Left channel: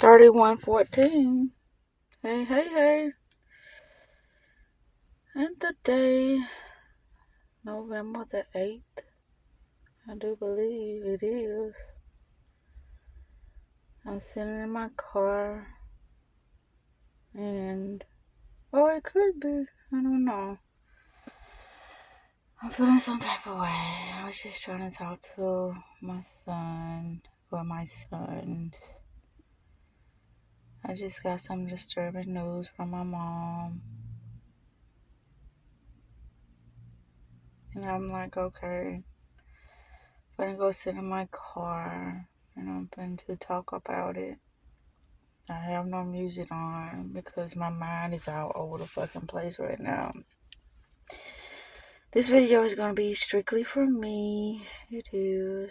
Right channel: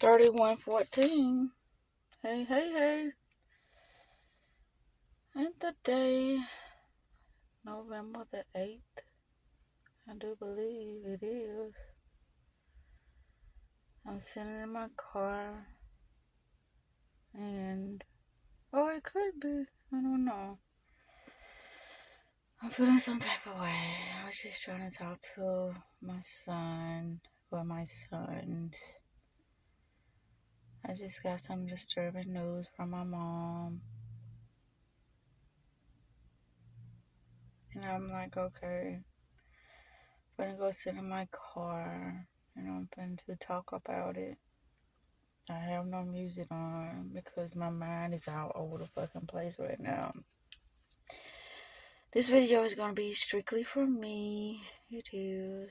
3114. Hey, hey, hey. And today, November the 8th, I do believe it is. I'm sitting in my car and, it could be. I don't know. I'm feeling some type of way. I was just trying to talk to my son or my sons. I just got some disturbing news from my mom. And I'm like, okay, I'm gonna go sit in my car and I'm going to talk about it. I have no music on because my mind is all over the fucking place right now. This video is gonna be strictly for me. It is.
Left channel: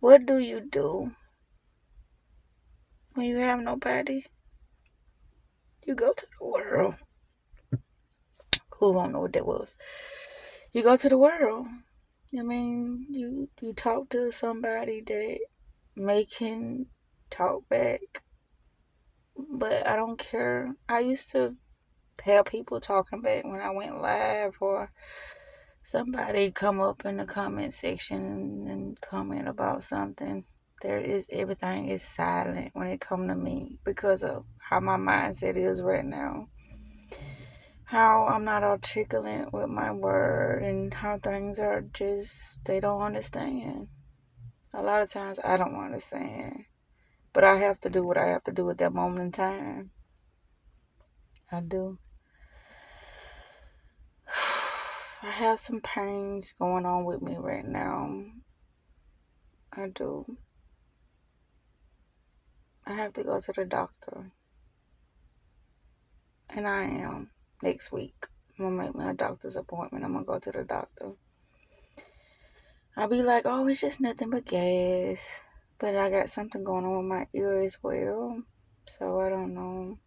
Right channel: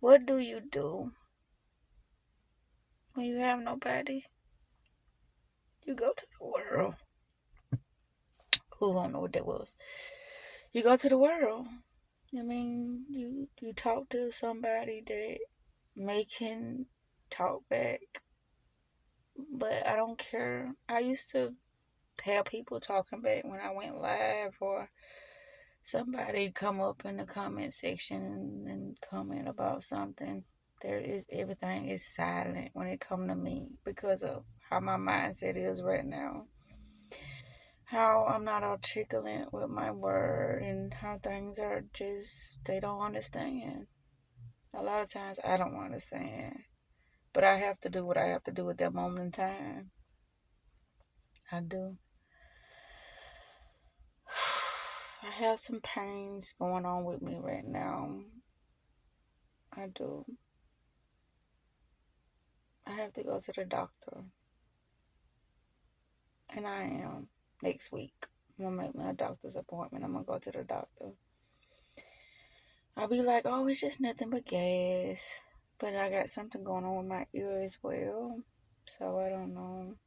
What do you do when you have nobody? You go to the world. Who don't know what that was? You go to the world. I mean, you talk to somebody that may can talk back, but I don't care. I used to have people talking back when I went live, or somebody come up in the comment section and comment about something. Everything is silent when it come to me because of how my mindset is right now. How I'm not articulate with my word and how things are just, they don't understand. A lot of times I don't understand. But I have to do what I have to do at that moment in time. I do. I have some pains going on with me right now. I do. I have to go to the doctor. And I am next week. I'm gonna make my doctor's appointment. I'm gonna go to the doctor. I'll be like, oh, it's just nothing but gas. But I got something going on with my ear as well. So I don't know.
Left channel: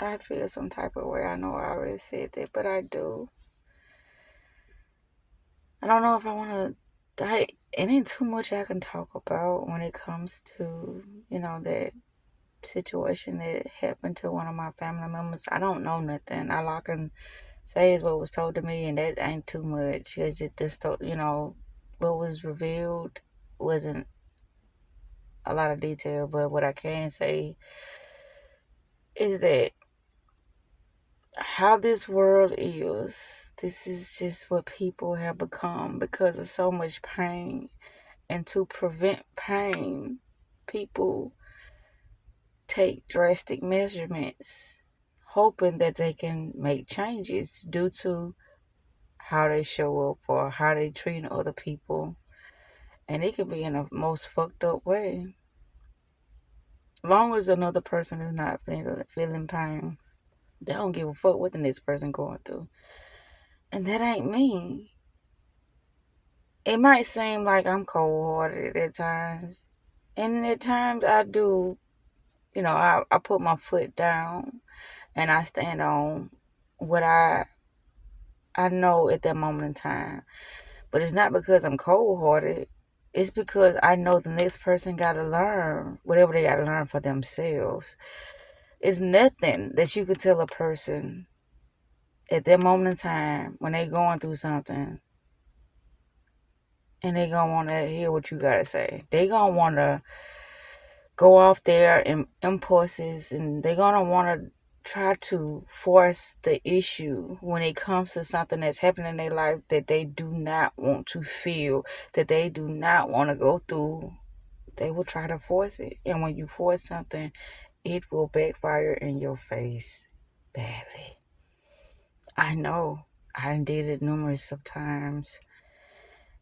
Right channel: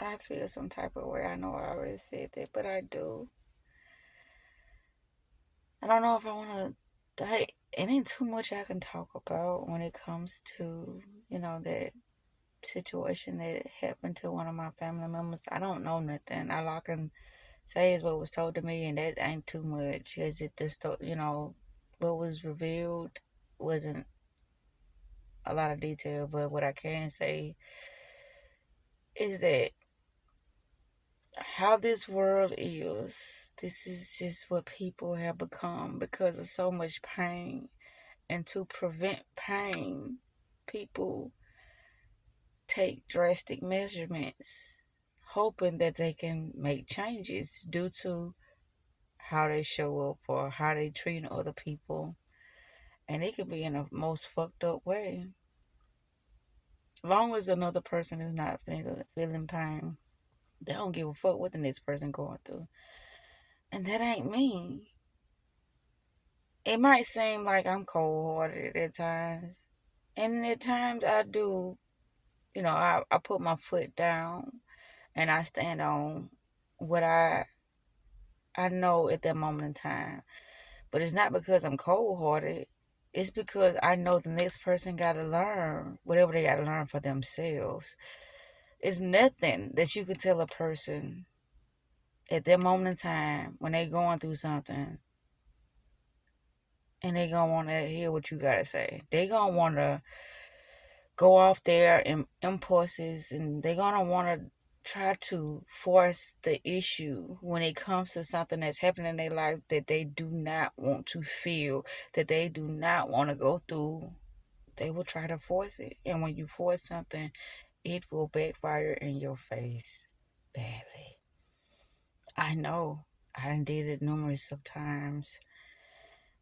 I feel some type of way. I know I already said that, but I do. I don't know if I want to. It ain't too much I can talk about when it comes to, that situation that happened to one of my family members. I don't know nothing. All I can say is what was told to me, and that ain't too much. Is it this, what was revealed wasn't a lot of detail, but what I can say is that how this world is, this is just what people have become because of so much pain. And to prevent pain, people take drastic measurements, hoping that they can make changes due to how they show up or how they treat other people. And it can be in the most fucked up way. Long as another person is not feeling pain, they don't give a fuck what the next person going through. And that ain't me. It might seem like I'm cold-hearted at times. And at times I do, I put my foot down and I stand on what I know at that moment in time. But it's not because I'm cold-hearted. It's because I know the next person got to learn whatever they got to learn for themselves. It's nothing that you could tell a person at that moment in time when they going through something and they gonna want to hear what you got to say. They gonna want to go off their impulses and they gonna want to try to force the issue when it comes to something that's happening in their life that they do not want to feel, that they do not want to go through. They will try to force it. And when you force something, it will backfire in your face badly. I know. I done did it numerous of times.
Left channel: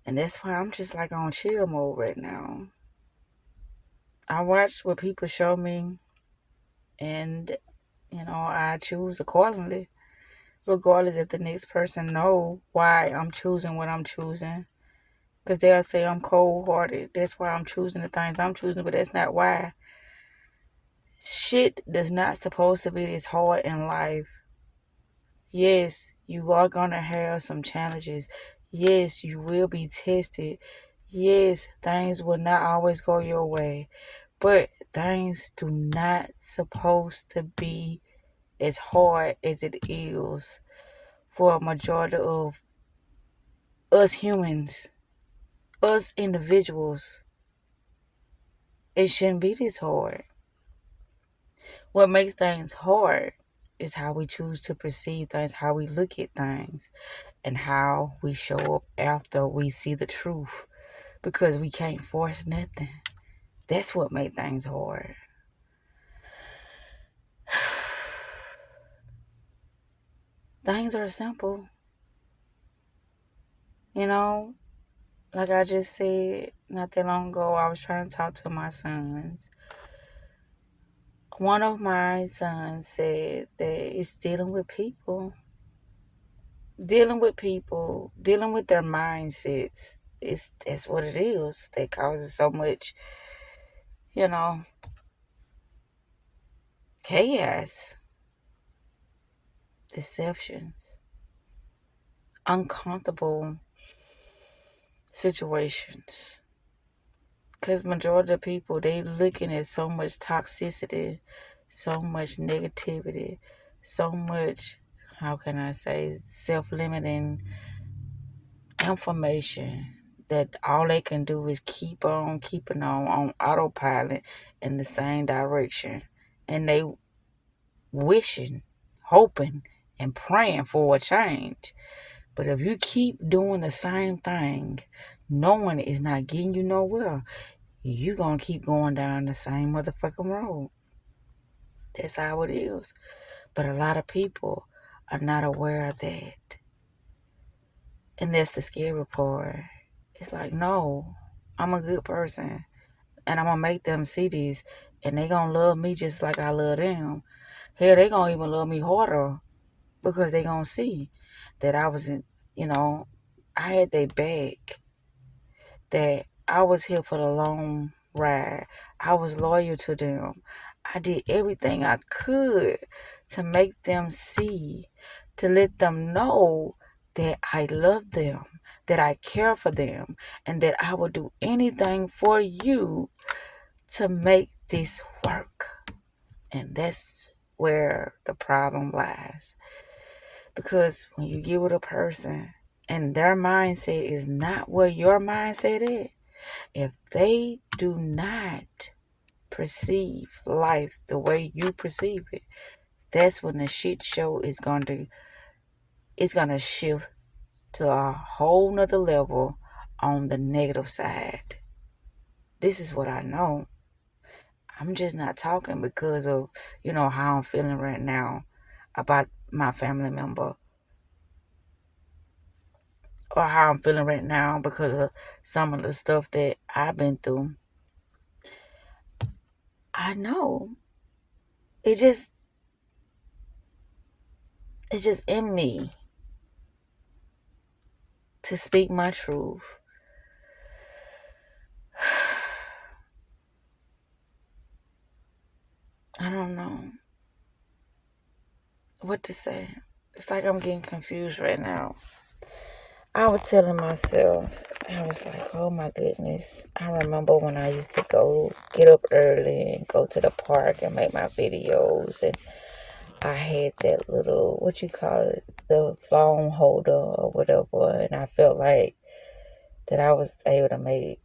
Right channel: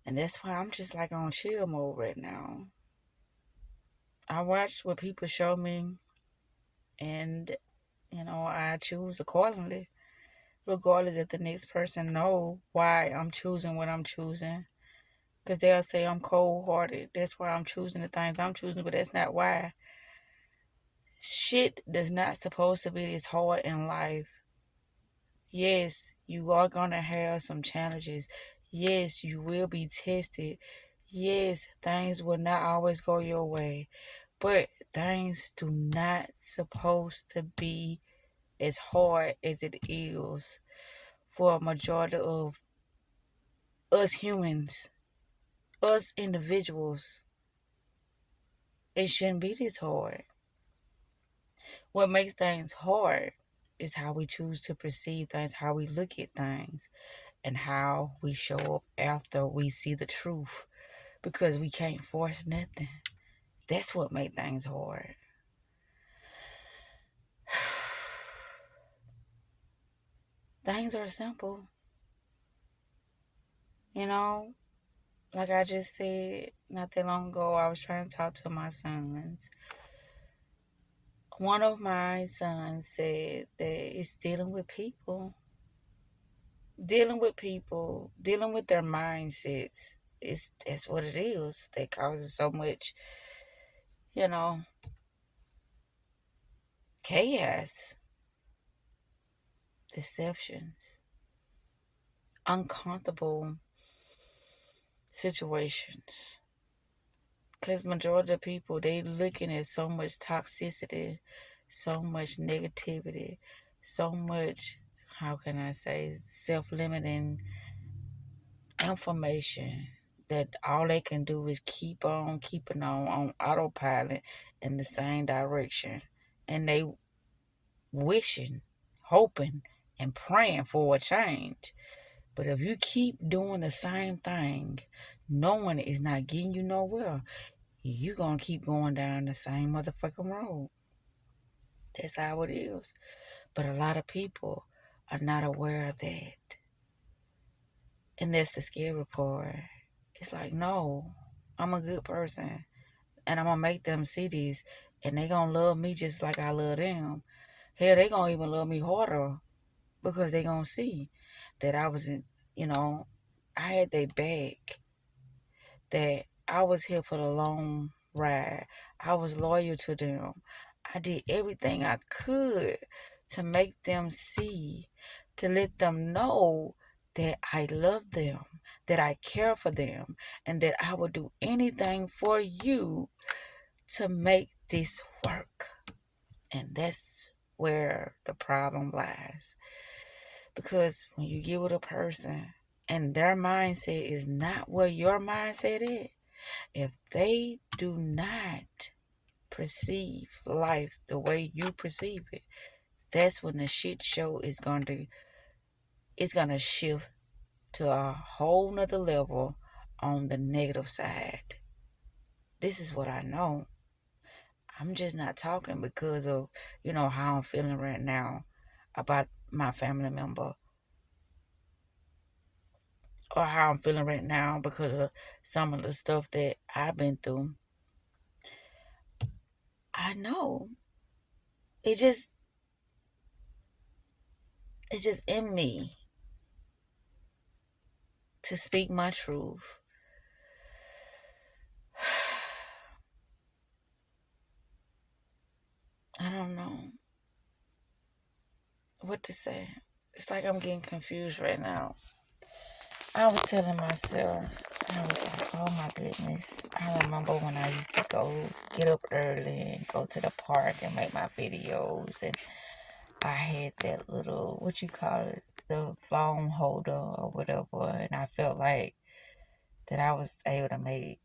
And that's why I'm just like on chill mode right now. I watch what people show me and I choose accordingly, regardless if the next person know why I'm choosing what I'm choosing. Because they'll say I'm cold-hearted. That's why I'm choosing the things I'm choosing, but that's not why. Shit does not supposed to be this hard in life. Yes, you are going to have some challenges. Yes, you will be tested. Yes, things will not always go your way, but things do not supposed to be as hard as it is for a majority of us humans, us individuals. It shouldn't be this hard. What makes things hard is how we choose to perceive things, how we look at things, and how we show up after we see the truth. Because we can't force nothing. That's what makes things hard. Things are simple. You know, like I just said not that long ago, I was trying to talk to my sons. One of my sons said that it's dealing with people, dealing with their mindsets. That's what it is that causes so much, you know, chaos, deceptions, uncomfortable situations. Because majority of people, they looking at so much toxicity, so much negativity, so much, how can I say, self-limiting information that all they can do is keep on keeping on autopilot in the same direction. And they wishing, hoping, and praying for a change. But if you keep doing the same thing, knowing it's not getting you nowhere, you gonna keep going down the same motherfucking road. That's how it is. But a lot of people are not aware of that. And that's the scary part. It's like, no, I'm a good person. And I'm gonna make them see this. And they gonna love me just like I love them. Hell, they gonna even love me harder. Because they gonna see that I was in, you know, I had their back, that I was here for the long ride. I was loyal to them. I did everything I could to make them see, to let them know that I love them, that I care for them, and that I would do anything for you to make this work. And that's where the problem lies. Because when you get with a person and their mindset is not where your mindset is, if they do not perceive life the way you perceive it, that's when the shit show is gonna shift to a whole nother level on the negative side. This is what I know. I'm just not talking because of, how I'm feeling right now about my family member, or how I'm feeling right now because of some of the stuff that I've been through. I know. It just it's just in me to speak my truth. I don't know what to say. It's like I'm getting confused right now. I was telling myself, I was like, oh my goodness. I remember when I used to go get up early and go to the park and make my videos, and I had that little, what you call it, the phone holder or whatever, and I felt like that I was able to make,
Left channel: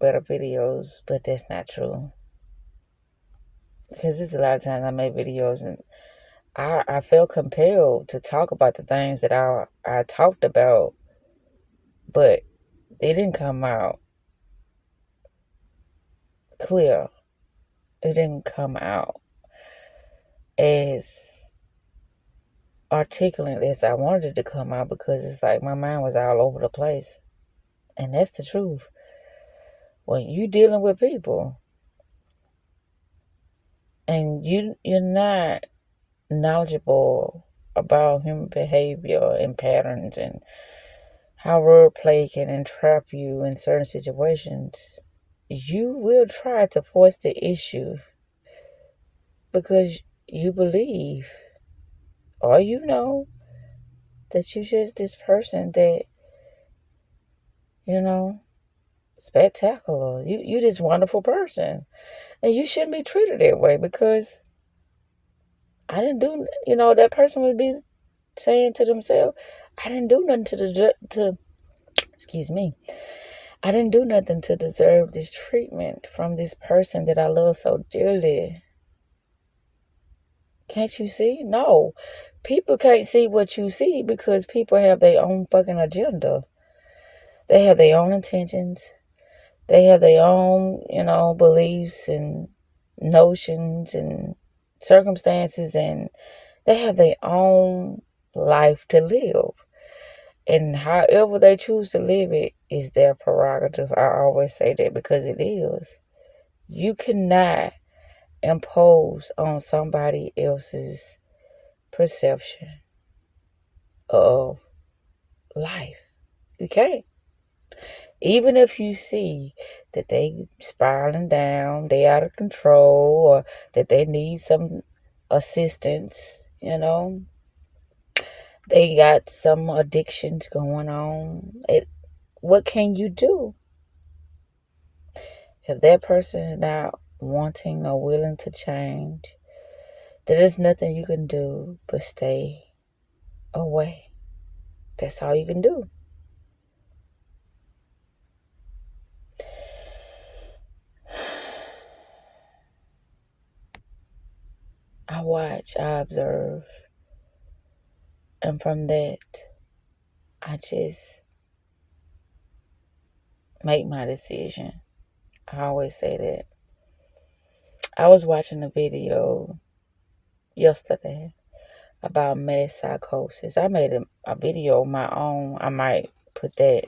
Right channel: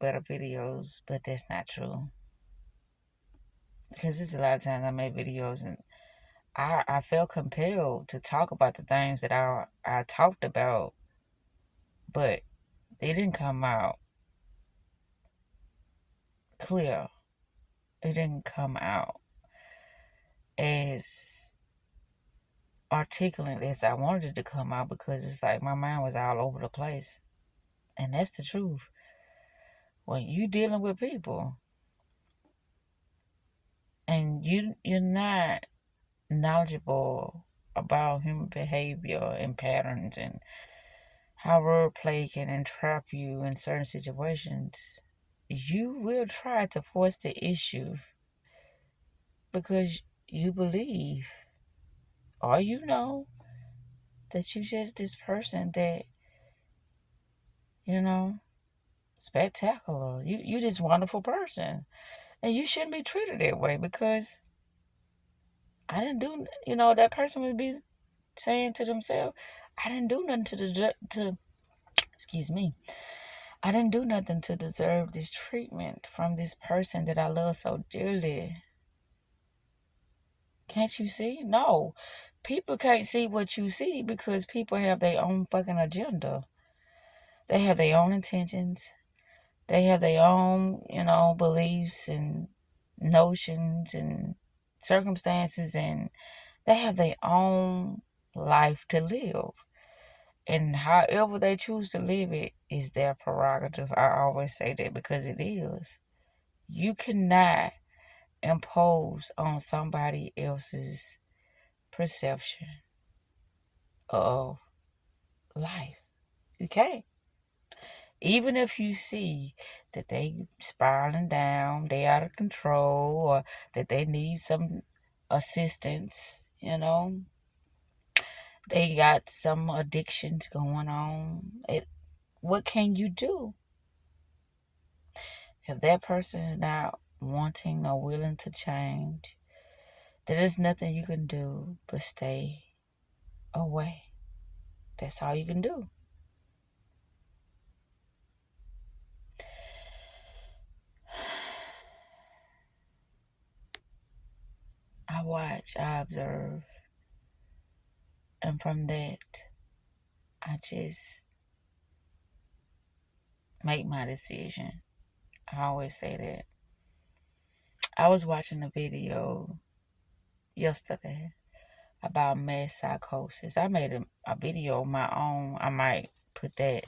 better videos, but that's not true. Because there's a lot of times I make videos and I felt compelled to talk about the things that I talked about, but it didn't come out clear. It didn't come out as articulate as I wanted it to come out, because it's like my mind was all over the place. And that's the truth. When you dealing with people and you're not knowledgeable about human behavior and patterns and how wordplay can entrap you in certain situations, you will try to force the issue because you believe, or that you just this person that, you know, spectacular. You this wonderful person. And you shouldn't be treated that way because I didn't do, that person would be saying to themselves, I didn't do nothing excuse me, I didn't do nothing to deserve this treatment from this person that I love so dearly. Can't you see? No. People can't see what you see because people have their own fucking agenda. They have their own intentions. They have their own, beliefs and notions and circumstances, and they have their own life to live. And however they choose to live it is their prerogative. I always say that because it is. You cannot impose on somebody else's perception of life. You can't. Even if you see that they spiraling down, they out of control, or that they need some assistance, they got some addictions going on. What can you do? If that person is not wanting or willing to change, there is nothing you can do but stay away. That's all you can do. I watch, I observe, and from that, I just make my decision. I always say that. I was watching a video yesterday about mass psychosis. I made a video of my own. I might put that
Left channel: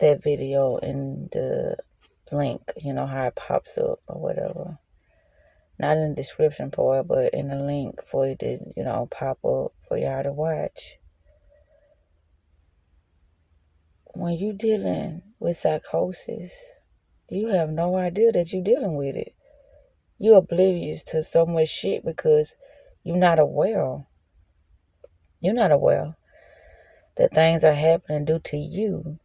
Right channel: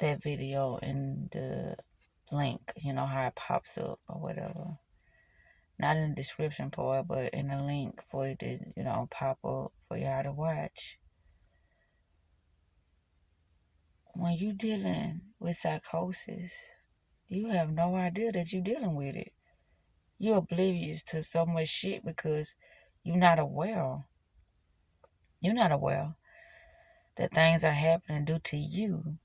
video in the link, how it pops up or whatever. Not in the description part, but in the link for it to, pop up for y'all to watch. When you dealing with psychosis, you have no idea that you're dealing with it. You're oblivious to so much shit because you're not aware. You're not aware that things are happening due to you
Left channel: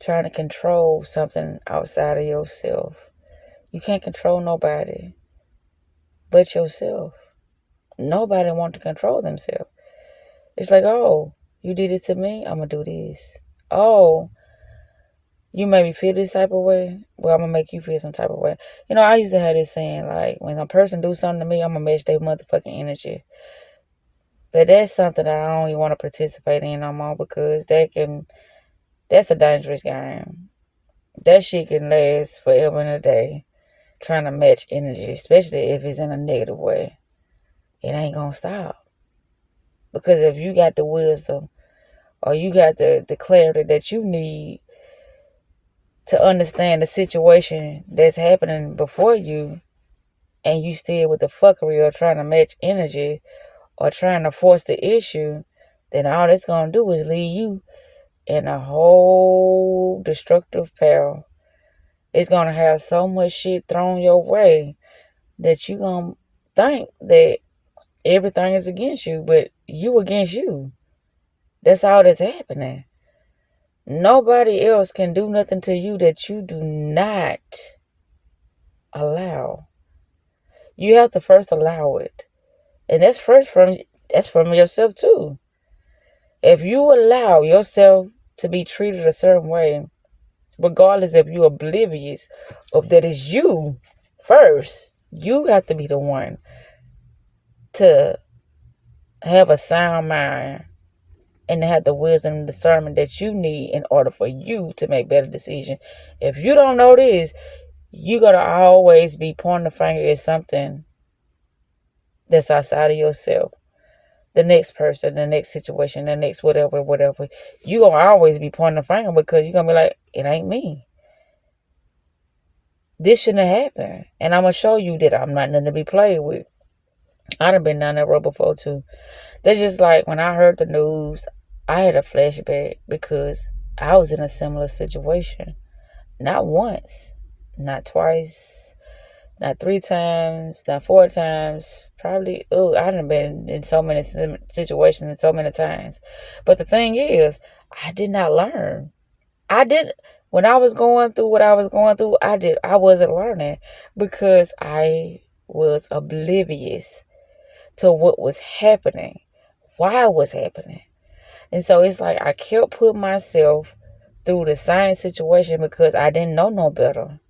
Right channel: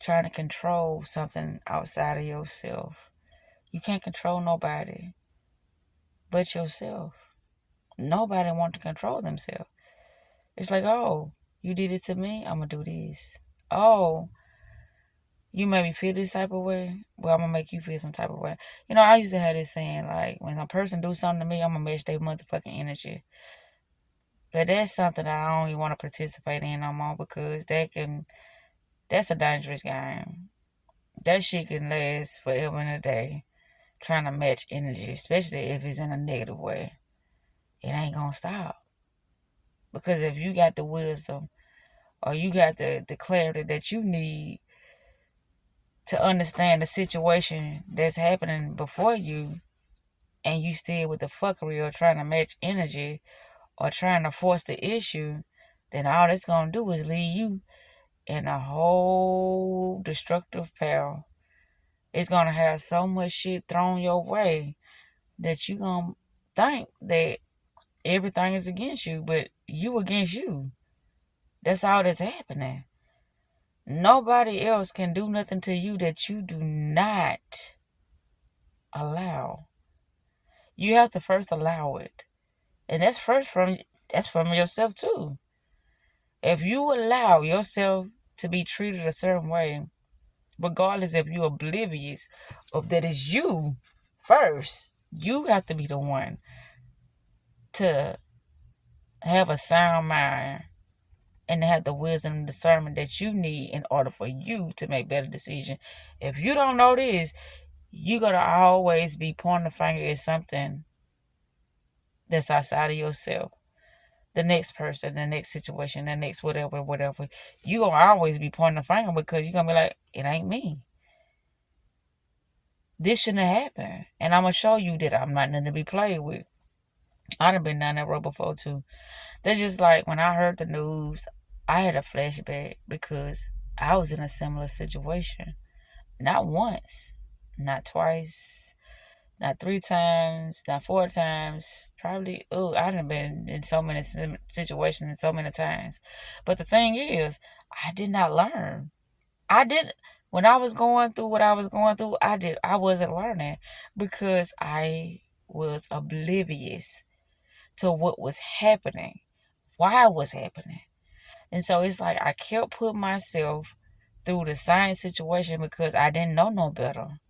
trying to control something outside of yourself. You can't control nobody but yourself. Nobody wants to control themselves. It's like, oh, you did it to me, I'm going to do this. Oh, you made me feel this type of way, well, I'm going to make you feel some type of way. I used to have this saying, like, when a person do something to me, I'm going to match their motherfucking energy. But that's something that I don't even want to participate in no more because that's a dangerous game. That shit can last forever and a day, trying to match energy, especially if it's in a negative way. It ain't going to stop. Because if you got the wisdom or you got the clarity that you need to understand the situation that's happening before you, and you still with the fuckery or trying to match energy or trying to force the issue, then all it's going to do is lead you in a whole destructive path. It's going to have so much shit thrown your way that you going to think that everything is against you, but you against you. That's all that's happening. Nobody else can do nothing to you that you do not allow. You have to first allow it. And that's from yourself too. If you allow yourself to be treated a certain way, regardless if you're oblivious of that is you first, you have to be the one to have a sound mind and to have the wisdom and discernment that you need in order for you to make better decisions. If you don't know this, you're going to always be pointing the finger at something that's outside of yourself. The next person, the next situation, the next whatever. You're going to always be pointing the finger because you're going to be like, it ain't me. This shouldn't have happened. And I'm going to show you that I'm not nothing to be played with. I done been down that road before too. That's just like when I heard the news, I had a flashback because I was in a similar situation. Not once, not twice, not 3 times, not 4 times. Probably, I done been in so many situations and so many times. But the thing is, I did not learn. I didn't, when I was going through what I was going through, I wasn't learning because I was oblivious to what was happening, why it was happening. And so it's like I kept putting myself through the same situation because I didn't know no better.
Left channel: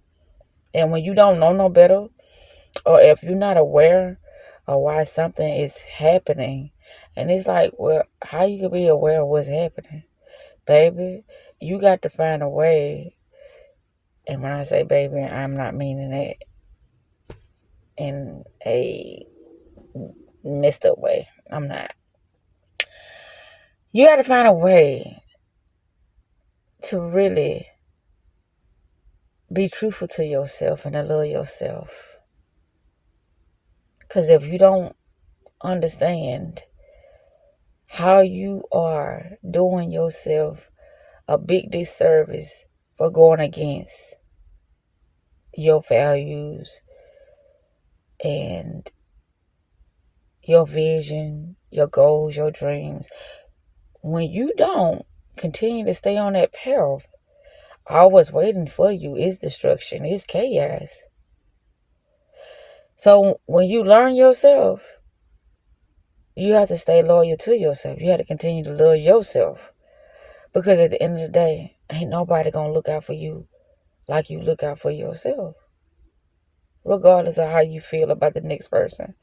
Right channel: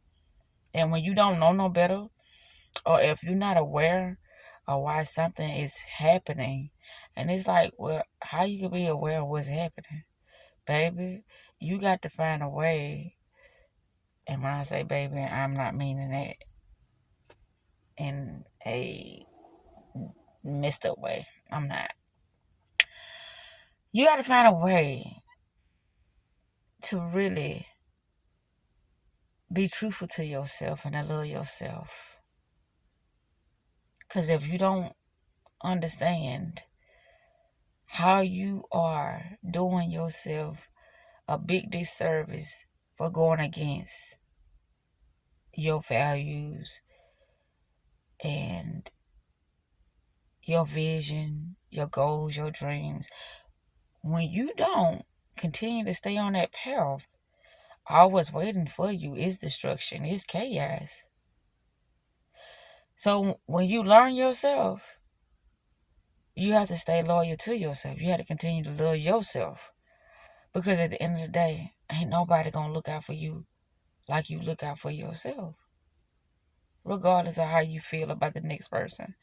And when you don't know no better, or if you're not aware of why something is happening, and it's like, well, how you can be aware of what's happening? Baby, you got to find a way. And when I say baby, I'm not meaning it in a messed up way. I'm not. You got to find a way to really be truthful to yourself and to love yourself. Because if you don't understand how you are doing yourself a big disservice for going against your values and your vision, your goals, your dreams, when you don't continue to stay on that path, all what's waiting for you is destruction, is chaos. So when you learn yourself, you have to stay loyal to yourself. You have to continue to love yourself. Because at the end of the day, ain't nobody going to look out for you like you look out for yourself. Regardless of how you feel about the next person.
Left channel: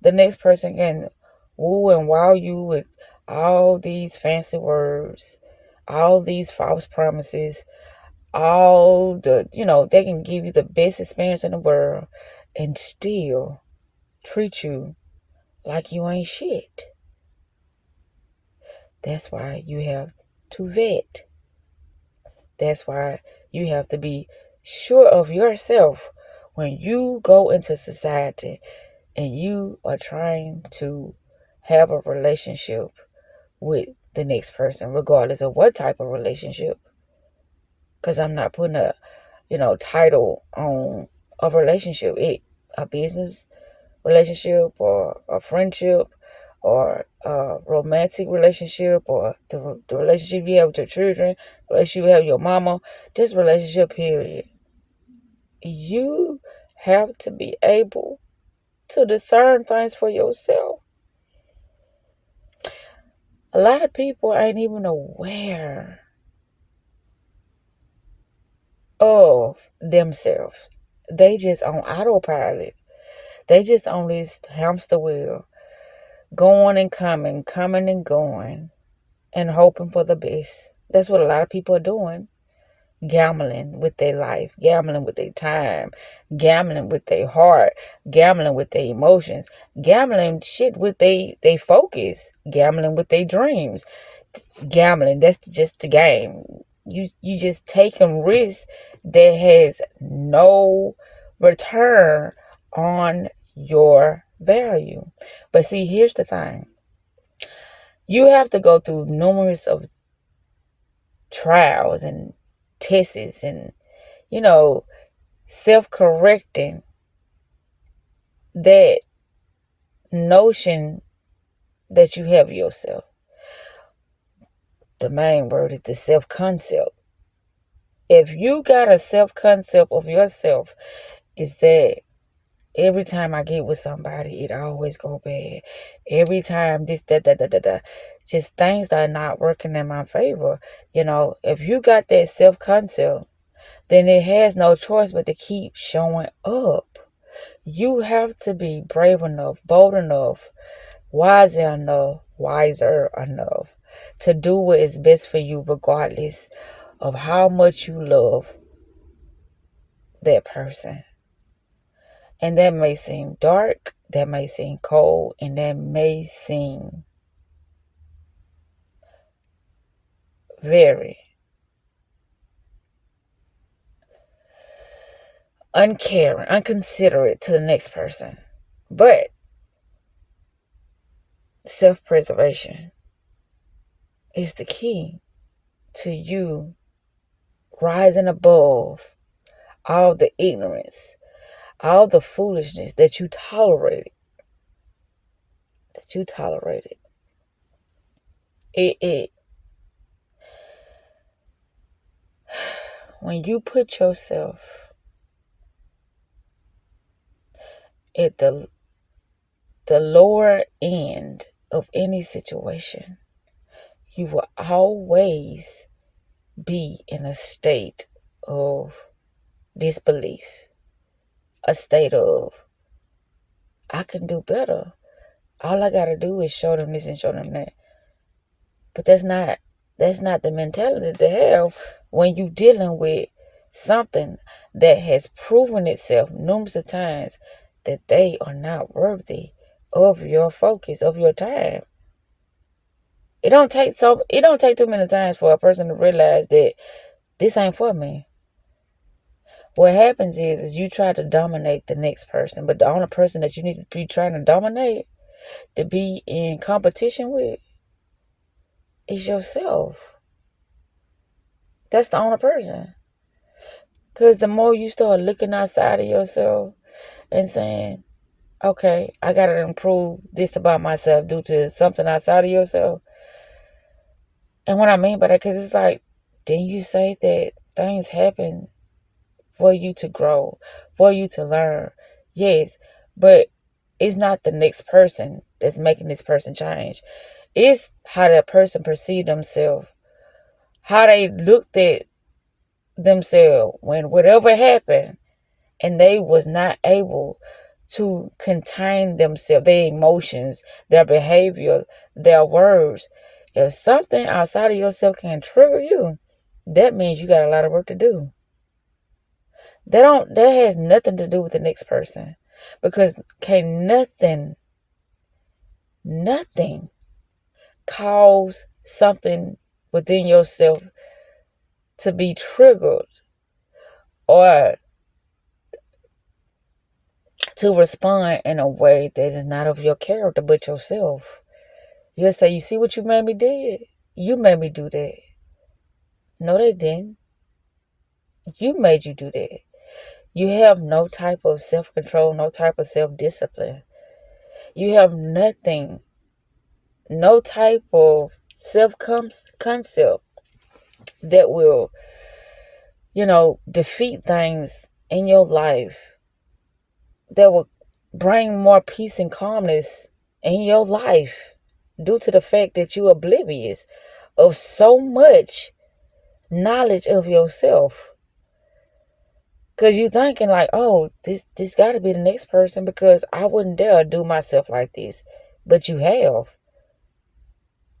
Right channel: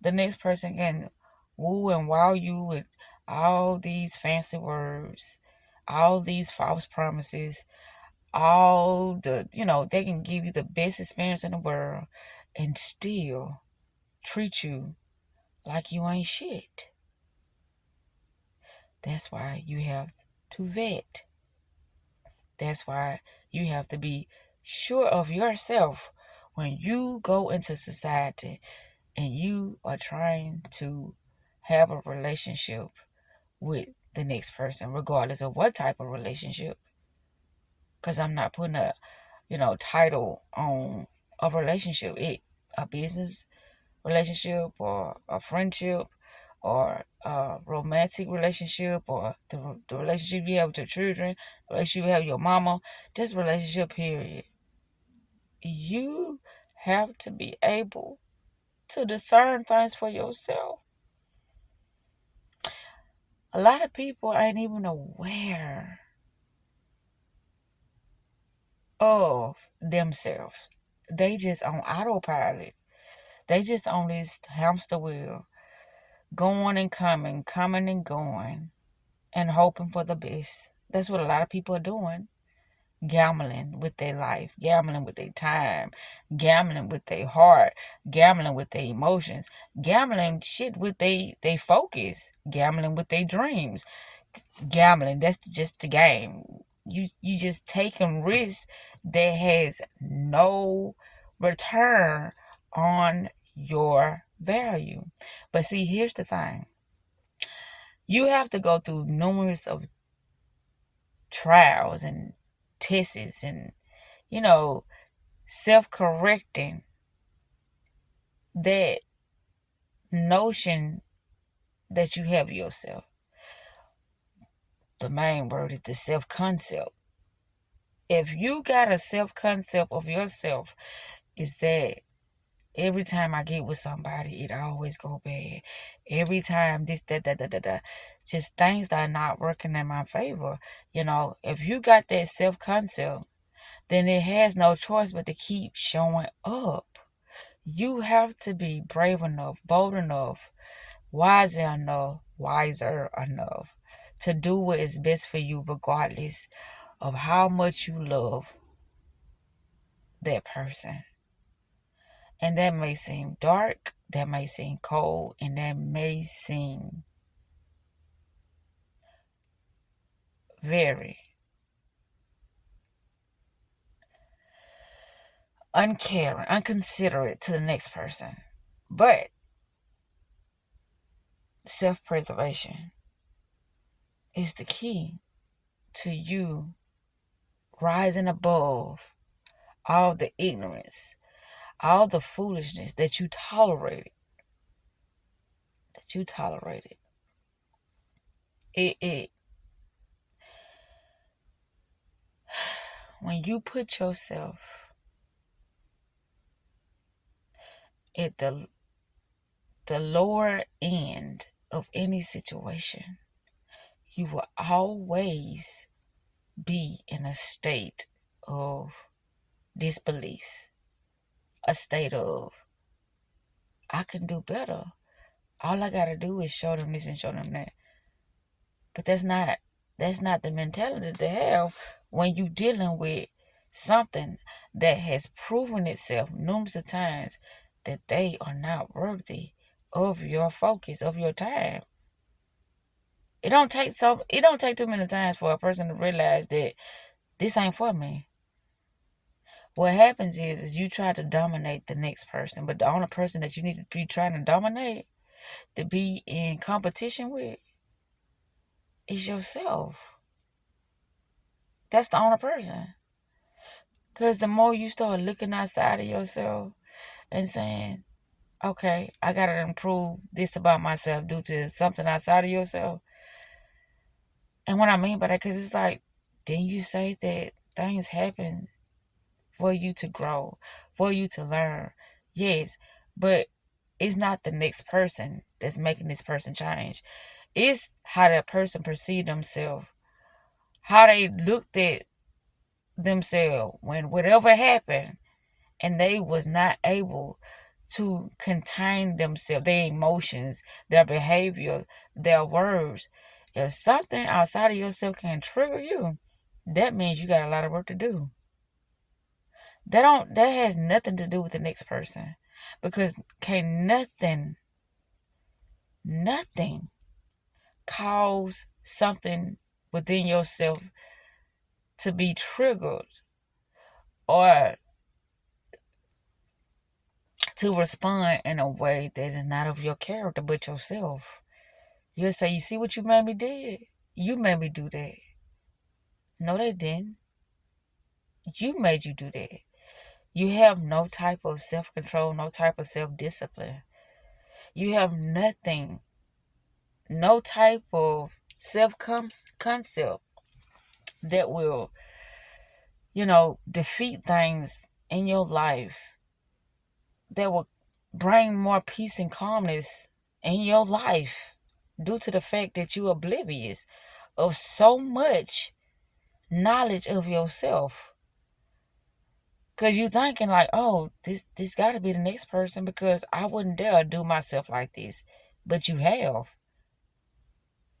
The next person can woo and wow you with all these fancy words, all these false promises, all the, they can give you the best experience in the world and still treat you like you ain't shit. That's why you have to vet. That's why you have to be sure of yourself when you go into society and you are trying to have a relationship with the next person, regardless of what type of relationship. Because I'm not putting a, title on a relationship. A business relationship or a friendship or a romantic relationship or the relationship you have with your children, the relationship you have with your mama, just relationship period. You have to be able to discern things for yourself. A lot of people ain't even aware of themselves. They just on autopilot. They just on this hamster wheel, going and coming and going, and hoping for the best. That's what a lot of people are doing. Gambling with their life, gambling with their time, gambling with their heart, gambling with their emotions, gambling shit with they focus, gambling with their dreams. Gambling, that's just the game. You just taking risks that has no return on your value. But see, here's the thing. You have to go through numerous of trials and tests and, self-correcting that notion that you have yourself. The main word is the self-concept. If you got a self-concept of yourself, is that every time I get with somebody, it always go bad. Every time this, that. Just things that are not working in my favor. If you got that self-concept, then it has no choice but to keep showing up. You have to be brave enough, bold enough, wiser enough to do what is best for you, regardless of how much you love that person. And that may seem dark, that may seem cold, and that may seem very uncaring, unconsiderate to the next person. But self-preservation is the key to you rising above all the ignorance, all the foolishness that you tolerated. It when you put yourself at the lower end of any situation, you will always be in a state of disbelief, a state of, I can do better. All I gotta do is show them this and show them that. But that's not the mentality to have when you dealing with something that has proven itself numerous of times that they are not worthy of your focus, of your time. It don't take too many times for a person to realize that this ain't for me. What happens is you try to dominate the next person, but the only person that you need to be trying to dominate, to be in competition with, is yourself. That's the only person. Because the more you start looking outside of yourself and saying, okay, I got to improve this about myself due to something outside of yourself. And what I mean by that, because it's like, didn't you say that things happen for you to grow, for you to learn? Yes, but it's not the next person that's making this person change. It's how that person perceived themselves, how they looked at themselves when whatever happened, and they was not able to contain themselves, their emotions, their behavior, their words. If something outside of yourself can trigger you, that means you got a lot of work to do. That has nothing to do with the next person. Because can nothing cause something within yourself to be triggered or to respond in a way that is not of your character but yourself. You'll say, you see what you made me do? You made me do that. No, they didn't. You made you do that. You have no type of self-control, no type of self-discipline. You have nothing, no type of self-concept that will, defeat things in your life, that will bring more peace and calmness in your life due to the fact that you're oblivious of so much knowledge of yourself. Because you thinking like, oh, this got to be the next person because I wouldn't dare do myself like this. But you have.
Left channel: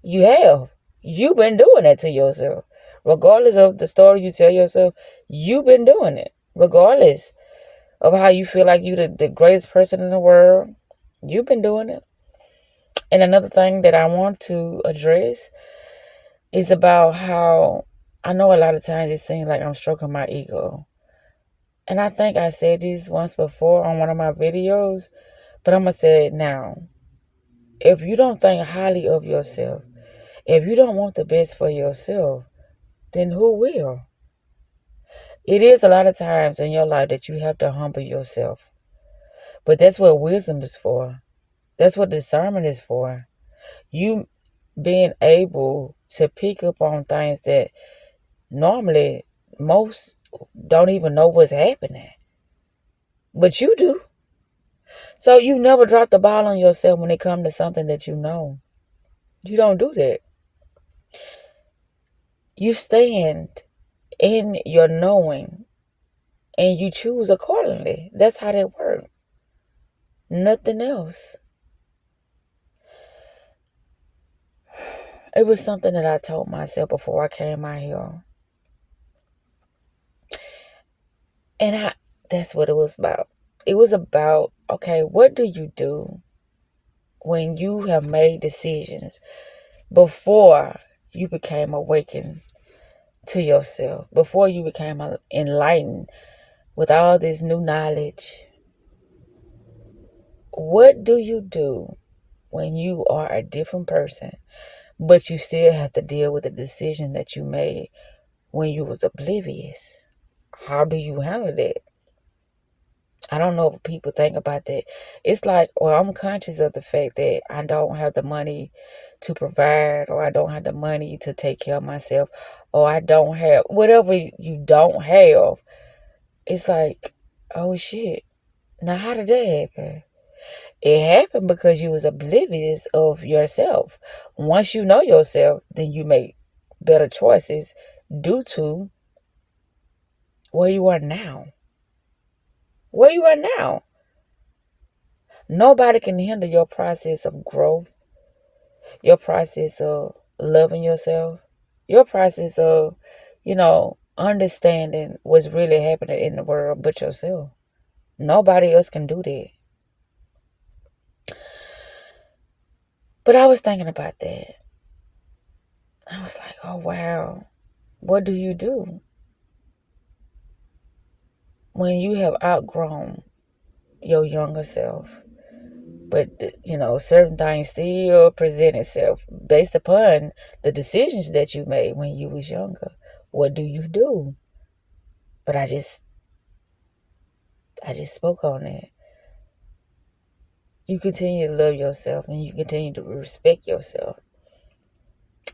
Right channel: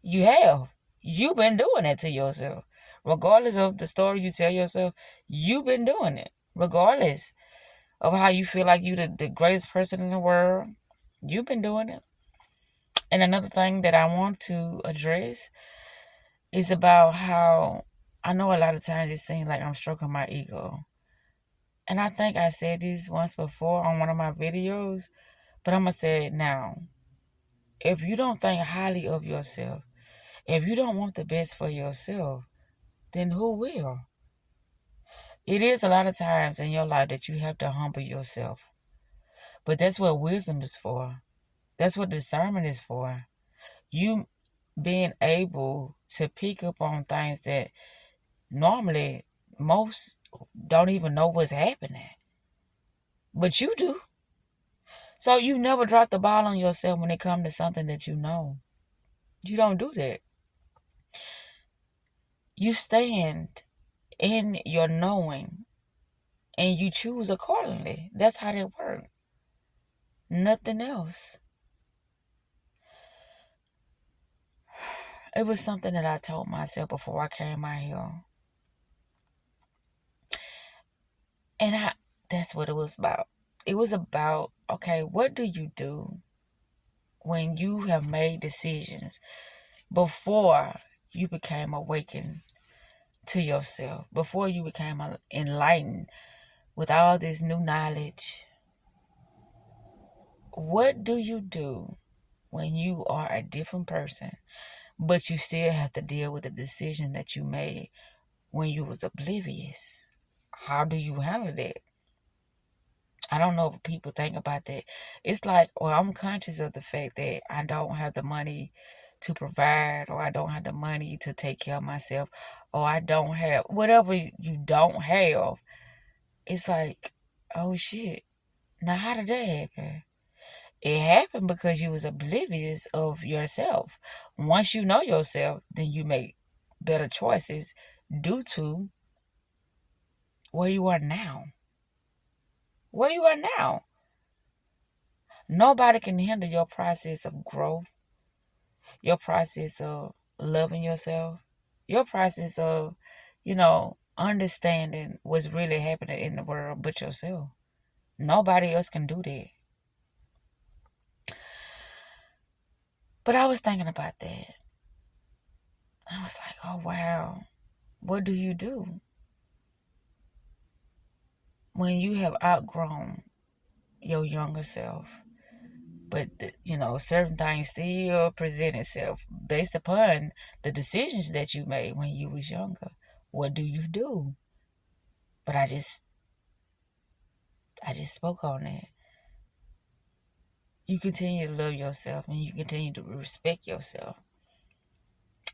You have. You've been doing that to yourself. Regardless of the story you tell yourself, you've been doing it. Regardless of how you feel like you the greatest person in the world, you've been doing it. And another thing that I want to address is about how I know a lot of times it seems like I'm stroking my ego. And I think I said this once before on one of my videos, but I'm going to say it now. If you don't think highly of yourself, if you don't want the best for yourself, then who will? It is a lot of times in your life that you have to humble yourself. But that's what wisdom is for. That's what discernment is for. You being able to pick up on things that normally most don't even know what's happening. But you do. So you never drop the ball on yourself when it comes to something that you know. You don't do that. You stand in your knowing and you choose accordingly. That's how that works. Nothing else. It was something that I told myself before I came out here. And that's what it was about. It was about, okay, what do you do when you have made decisions before you became awakened to yourself, before you became enlightened with all this new knowledge? What do you do when you are a different person, but you still have to deal with the decision that you made when you was oblivious? How do you handle that? I don't know if people think about that. It's like, well, I'm conscious of the fact that I don't have the money to provide, or I don't have the money to take care of myself, or I don't have whatever you don't have. It's like, oh shit. Now how did that happen? It happened because you was oblivious of yourself. Once you know yourself, then you make better choices due to where you are now. Where you are now. Nobody can hinder your process of growth, your process of loving yourself, your process of, understanding what's really happening in the world but yourself. Nobody else can do that. But I was thinking about that. I was like, oh, wow. What do you do when you have outgrown your younger self? But, certain things still present itself based upon the decisions that you made when you was younger. What do you do? But I just spoke on that. You continue to love yourself and you continue to respect yourself.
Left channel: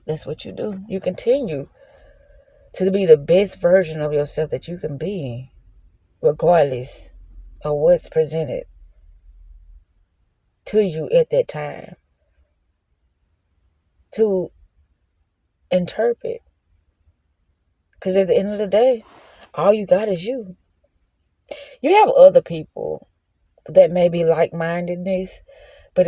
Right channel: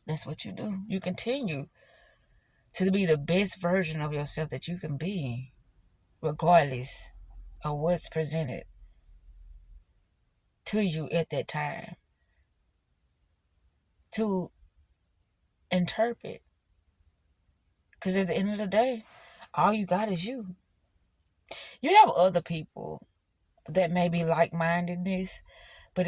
That's what you do. You continue to be the best version of yourself that you can be, regardless of what's presented to you at that time to interpret. Because at the end of the day, all you got is you. You have other people that may be like-mindedness, but